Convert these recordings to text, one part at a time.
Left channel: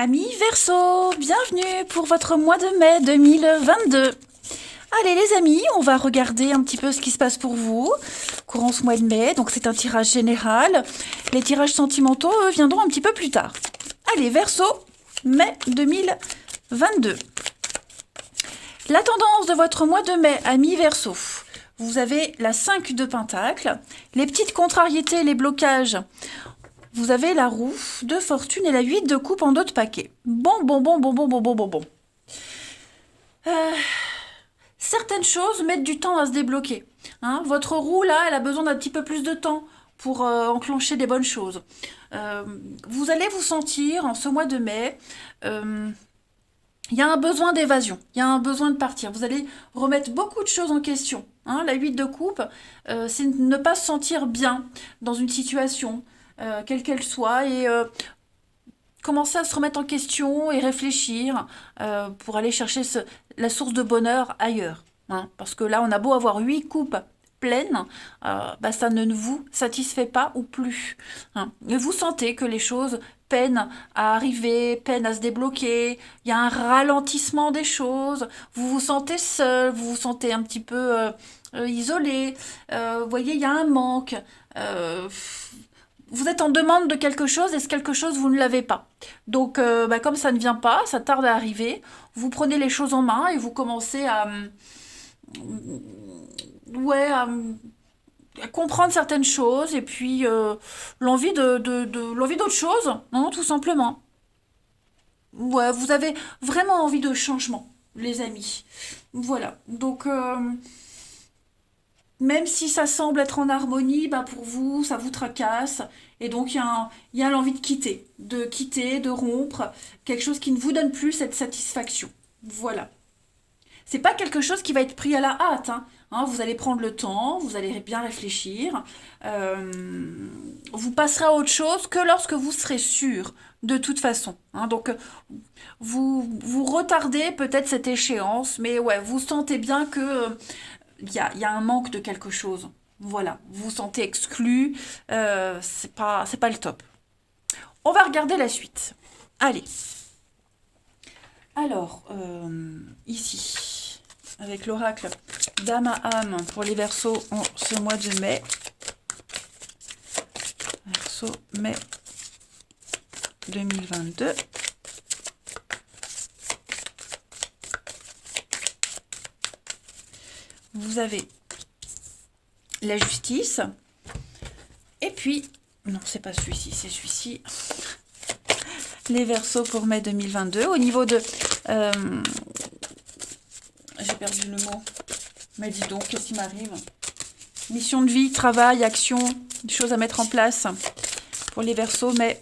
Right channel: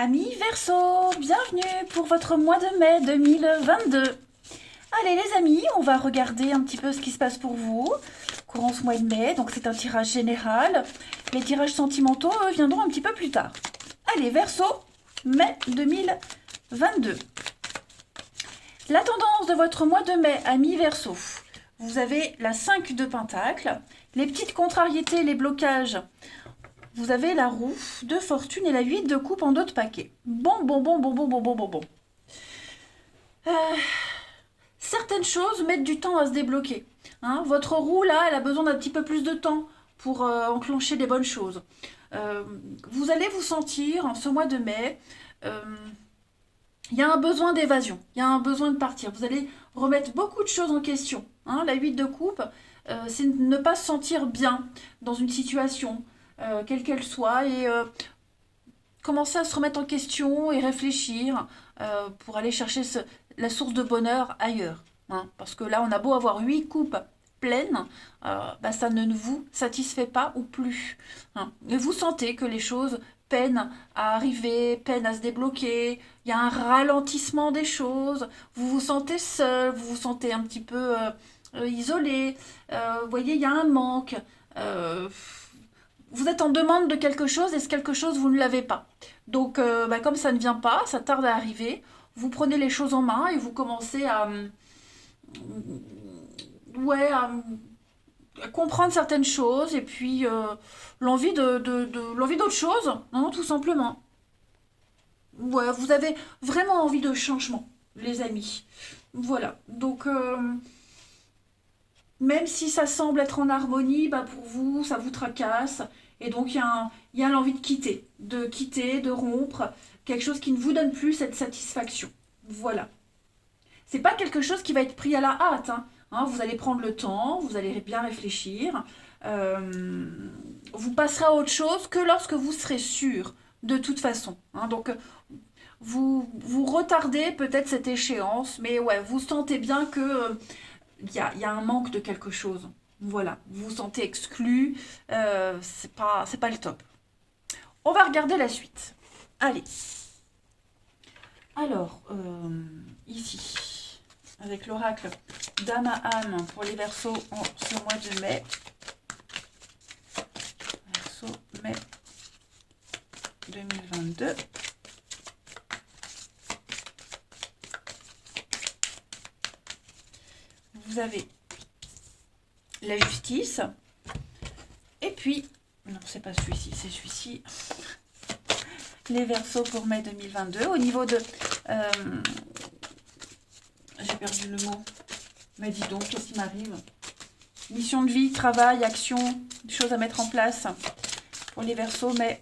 Amis Verseau, bienvenue pour votre mois de mai 2022. Allez les amis, on va regarder un petit peu ce qui se passe pour vous courant ce mois de mai. Donc c'est un tirage général. Les tirages sentimentaux viendront un petit peu plus tard. Allez Verseau, mai 2022. La tendance de votre mois de mai, amis Verseau. Vous avez la 5 de Pentacle, les petites contrariétés, les blocages. Vous avez la roue de fortune et la 8 de coupe en dos de paquet. Bon. Certaines choses mettent du temps à se débloquer. Hein, votre roue, là, elle a besoin d'un petit peu plus de temps pour enclencher des bonnes choses. Vous allez vous sentir, en ce mois de mai, il y a un besoin d'évasion, il y a un besoin de partir. Vous allez remettre beaucoup de choses en question. Hein, la 8 de coupe, c'est ne pas se sentir bien dans une situation, quelle qu'elle soit, et commencer à se remettre en question et réfléchir pour aller chercher la source de bonheur ailleurs. Hein, parce que là, on a beau avoir 8 coupes pleines, ça ne vous satisfait pas ou plus. Hein. Et vous sentez que les choses peinent à arriver, peinent à se débloquer, il y a un ralentissement des choses, vous vous sentez seul, vous vous sentez un petit peu isolé, vous voyez, il y a un manque. Euh, vous êtes en demande de quelque chose et ce quelque chose, vous ne l'avez pas. Donc, comme ça ne vient pas, ça tarde à arriver, vous prenez les choses en main et vous commencez ouais, à comprendre certaines choses et puis l'envie l'envie d'autre chose, hein, tout simplement. Ouais, vous avez vraiment envie de changement, les amis. Voilà. Donc, même si ça semble être en harmonie, pour vous, ça vous tracasse. Et donc, il y a l'envie de quitter, de rompre, quelque chose qui ne vous donne plus cette satisfaction. Voilà. C'est pas quelque chose qui va être pris à la hâte. Hein. Hein, vous allez prendre le temps, vous allez bien réfléchir. Vous passerez à autre chose que lorsque vous serez sûr, de toute façon. Hein. Donc, vous retardez peut-être cette échéance, mais ouais, vous sentez bien que il y a un manque de quelque chose. Voilà, vous vous sentez exclu, c'est pas le top. On va regarder la suite. Allez. Alors, ici, avec l'oracle d'âme à âme pour les Verseaux en ce mois de mai. Verseau, mai 2022. Vous avez la justice. Et puis, non, c'est pas celui-ci, c'est celui-ci. Les Verseaux pour mai 2022. Au niveau de... j'ai perdu le mot. Mais dis donc, qu'est-ce qui m'arrive? Mission de vie, travail, action, des choses à mettre en place pour les Verseaux mai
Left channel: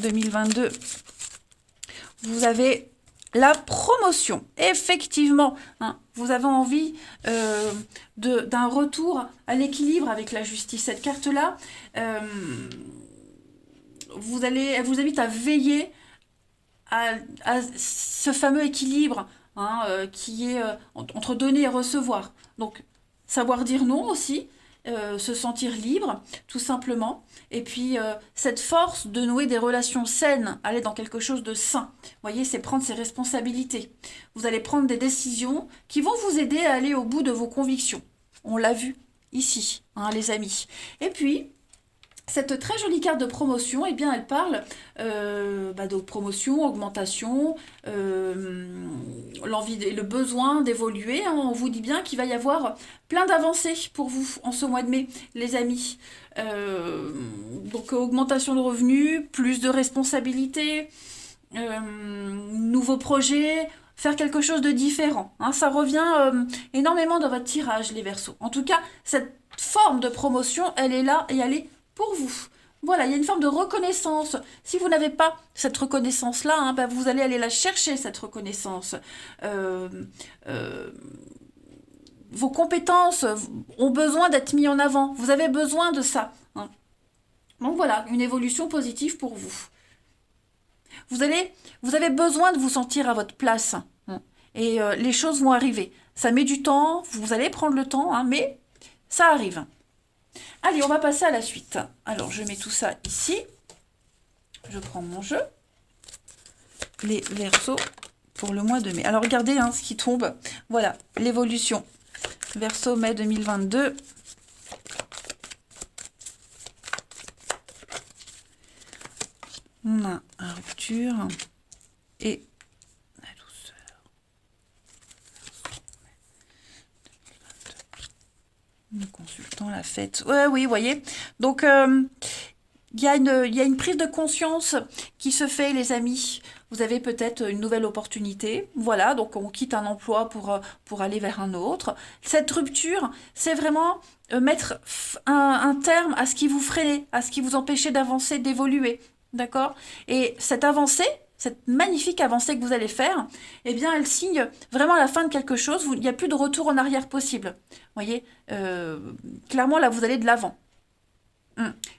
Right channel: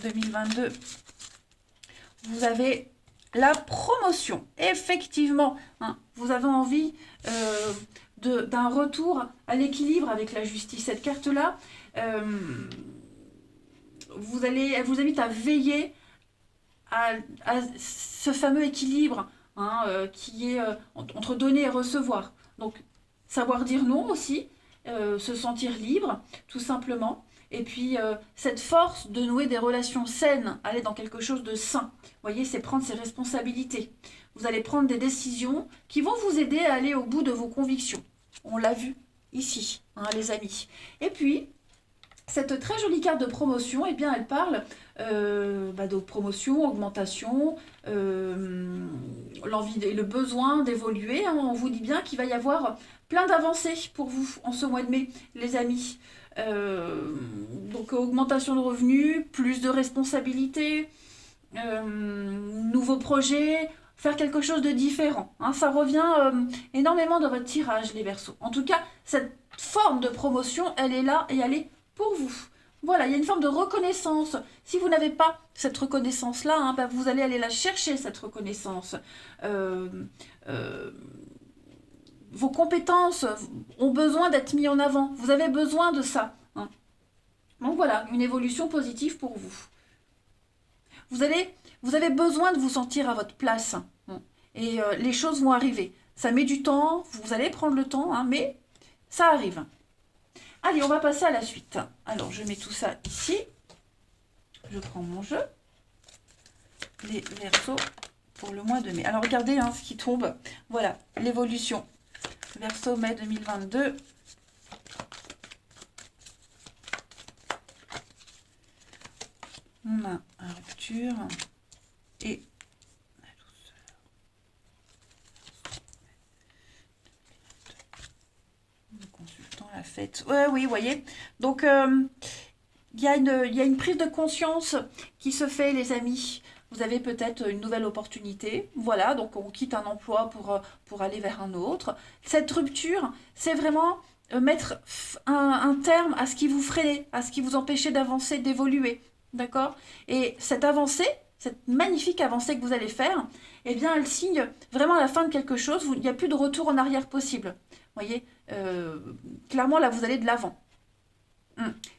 2022. Vous avez la promotion, effectivement. Hein, vous avez envie d'un retour à l'équilibre avec la justice. Cette carte-là, elle vous invite à veiller à ce fameux équilibre, hein, qui est entre donner et recevoir. Donc, savoir dire non aussi, se sentir libre, tout simplement. Et puis, cette force de nouer des relations saines, aller dans quelque chose de sain. Vous voyez, c'est prendre ses responsabilités. Vous allez prendre des décisions qui vont vous aider à aller au bout de vos convictions. On l'a vu ici, hein, les amis. Et puis, cette très jolie carte de promotion, eh bien, elle parle de promotion, augmentation, l'envie et le besoin d'évoluer. Hein. On vous dit bien qu'il va y avoir plein d'avancées pour vous en ce mois de mai, les amis. Donc, augmentation de revenus, plus de responsabilités, nouveaux projets, faire quelque chose de différent. Hein. Ça revient énormément dans votre tirage, les Verseaux. En tout cas, cette forme de promotion, elle est là et elle est pour vous. Voilà, il y a une forme de reconnaissance. Si vous n'avez pas cette reconnaissance-là, hein, vous allez aller la chercher, cette reconnaissance. Euh, euh, vos compétences ont besoin d'être mises en avant. Vous avez besoin de ça. Hein. Donc voilà, une évolution positive pour vous. Vous avez besoin de vous sentir à votre place. Hein, et les choses vont arriver. Ça met du temps, vous allez prendre le temps, hein, mais ça arrive. Allez, on va passer à la suite. Alors, je mets tout ça ici. Je prends mon jeu. les Verseaux pour le mois de mai. Alors regardez hein, ce qui tombe. Voilà, l'évolution. Verseau mai 2022. On a la rupture et la douceur. Consultant la fête. Ouais, oui, vous voyez. Donc, il y a une prise de conscience qui se fait, les amis. Vous avez peut-être une nouvelle opportunité. Voilà, donc on quitte un emploi pour aller vers un autre. Cette rupture, c'est vraiment mettre un terme à ce qui vous freinait, à ce qui vous empêchait d'avancer, d'évoluer. D'accord? Et cette avancée, cette magnifique avancée que vous allez faire, eh bien, elle signe vraiment la fin de quelque chose. Il n'y a plus de retour en arrière possible. Vous voyez, clairement, là, vous allez de l'avant.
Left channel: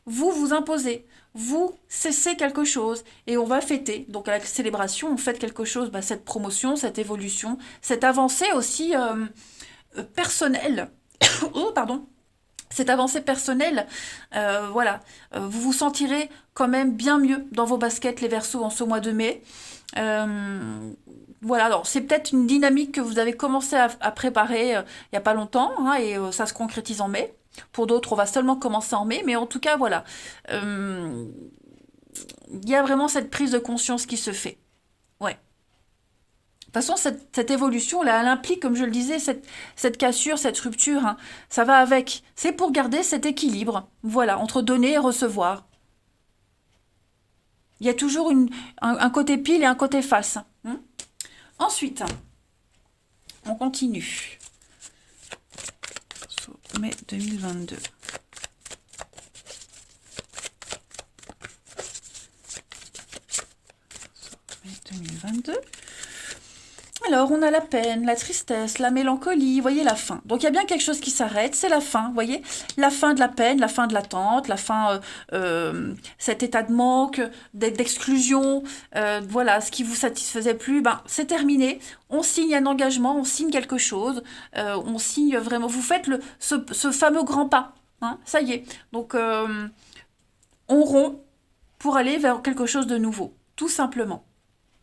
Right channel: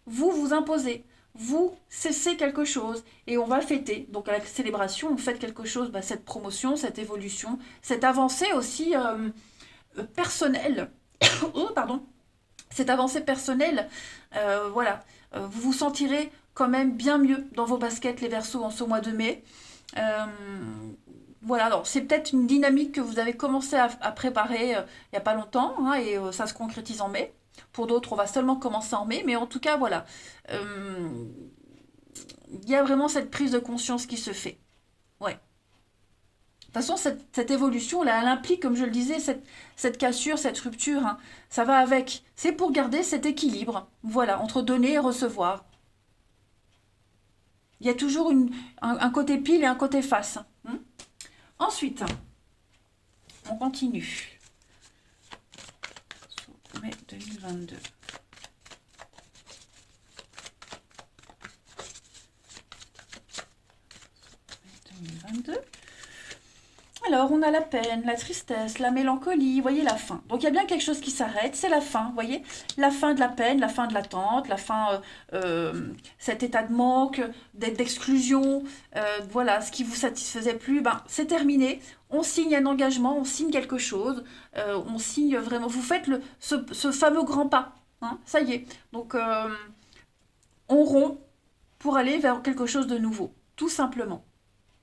Vous vous imposez, vous cessez quelque chose et on va fêter. Donc à la célébration, on fête quelque chose, bah, cette promotion, cette évolution, cette avancée aussi personnelle. Oh, pardon. Cette avancée personnelle, voilà, vous vous sentirez quand même bien mieux dans vos baskets, les Verseaux, en ce mois de mai. Voilà, alors c'est peut-être une dynamique que vous avez commencé à préparer il n'y a pas longtemps, hein, et ça se concrétise en mai. Pour d'autres, on va seulement commencer en mai, mais en tout cas, voilà. Il y a vraiment cette prise de conscience qui se fait. Ouais. De toute façon, cette évolution, là, elle implique, comme je le disais, cette cassure, cette rupture, hein, ça va avec. C'est pour garder cet équilibre, voilà, entre donner et recevoir. Il y a toujours un côté pile et un côté face. Hein. Ensuite, on continue. Mai 2022. Mai 2022. Alors, on a la peine, la tristesse, la mélancolie, vous voyez, la fin. Donc, il y a bien quelque chose qui s'arrête, c'est la fin, vous voyez. La fin de la peine, la fin de l'attente, la fin, cet état de manque, d'exclusion, voilà, ce qui vous satisfaisait plus, ben, c'est terminé. On signe un engagement, on signe quelque chose, on signe vraiment, vous faites ce fameux grand pas, hein, ça y est. Donc, on rompt pour aller vers quelque chose de nouveau, tout simplement.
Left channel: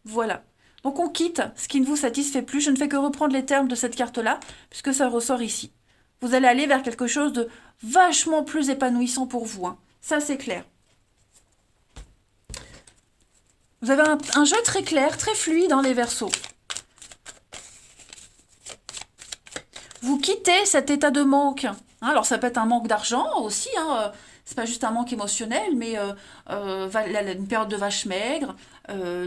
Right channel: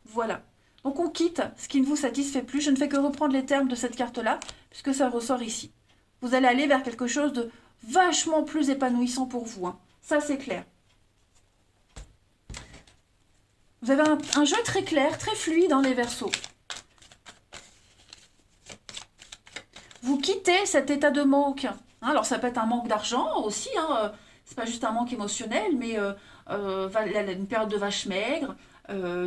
Voilà. Donc on quitte ce qui ne vous satisfait plus. Je ne fais que reprendre les termes de cette carte-là, puisque ça ressort ici. Vous allez aller vers quelque chose de vachement plus épanouissant pour vous. Hein. Ça, c'est clair. Vous avez un jeu très clair, très fluide dans les Verseaux. Vous quittez cet état de manque. Hein, alors ça peut être un manque d'argent aussi. Hein, c'est pas juste un manque émotionnel, mais une période de vache maigre.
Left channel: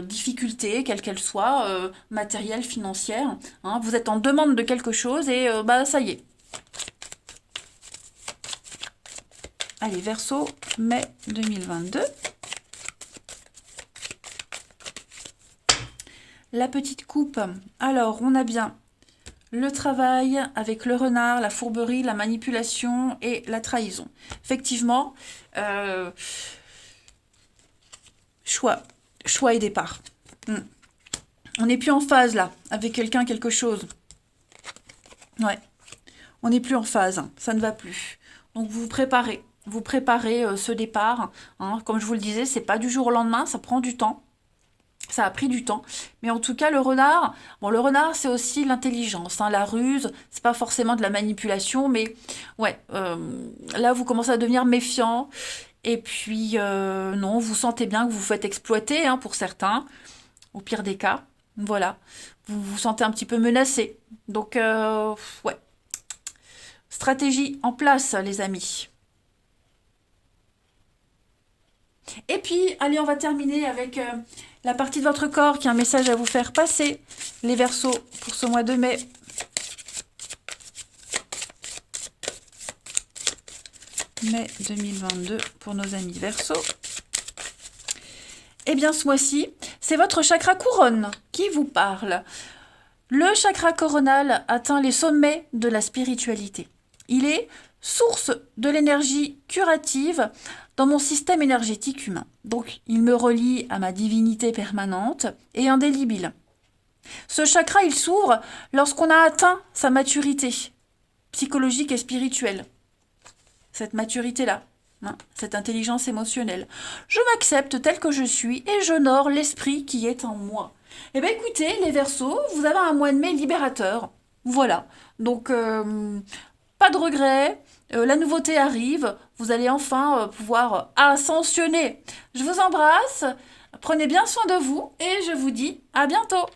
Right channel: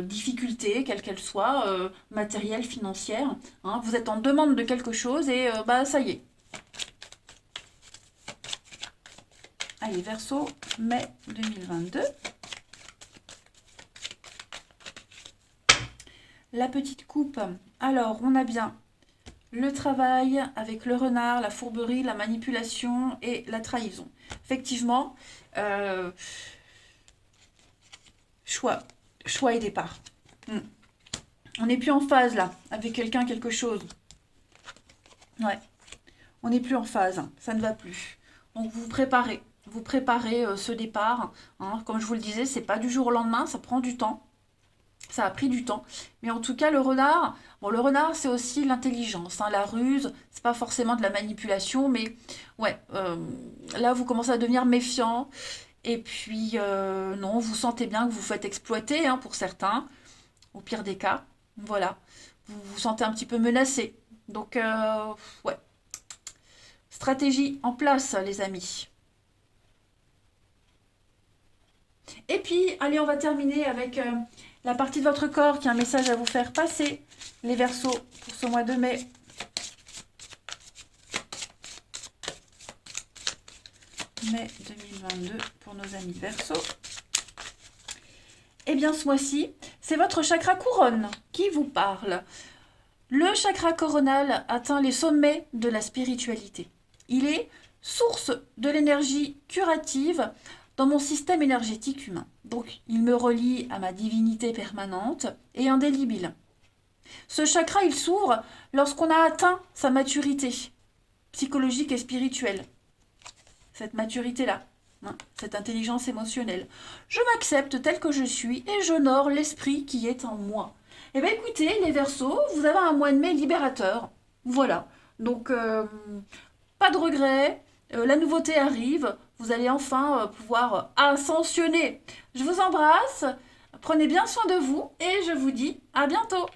Difficultés, quelles qu'elles soient, matérielles, financières. Hein, vous êtes en demande de quelque chose et bah ça y est. Allez, Verseau, mai 2022. La petite coupe. Alors, on a bien le travail avec le renard, la fourberie, la manipulation et la trahison. Effectivement, choix et départ. On n'est plus en phase là, avec quelqu'un, quelque chose. Ouais. On n'est plus en phase, ça ne va plus. Donc vous préparez ce départ. Hein. Comme je vous le disais, c'est pas du jour au lendemain, ça prend du temps. Ça a pris du temps. Mais en tout cas, le renard, c'est aussi l'intelligence, hein, la ruse, c'est pas forcément de la manipulation, mais ouais, là vous commencez à devenir méfiant. Et puis, non, vous sentez bien que vous vous faites exploiter, hein, pour certains, au pire des cas. Voilà, vous vous sentez un petit peu menacé. Donc, ouais, stratégie en place, les amis. Et puis, allez, on va terminer avec la partie de votre corps qui a un message à vous faire passer. Les Verseaux pour ce mois de mai. Mai 2022 pour nos amis Verseaux. Eh bien, ce mois-ci, c'est votre chakra couronne qui vous parle. Le chakra coronal atteint les sommets de la spiritualité. Il est source de l'énergie curative dans mon système énergétique humain. Donc, il me relie à ma divinité permanente et indélébile. Ce chakra, il s'ouvre lorsqu'on a atteint sa maturité psychologique et spirituelle. Cette maturité-là, hein, cette intelligence émotionnelle. Je m'accepte tel que je suis et j'honore l'esprit qui est en moi. Eh bien écoutez, les Verseaux, vous avez un mois de mai libérateur. Voilà. Donc, pas de regrets. La nouveauté arrive. Vous allez enfin pouvoir ascensionner. Je vous embrasse. Prenez bien soin de vous et je vous dis à bientôt.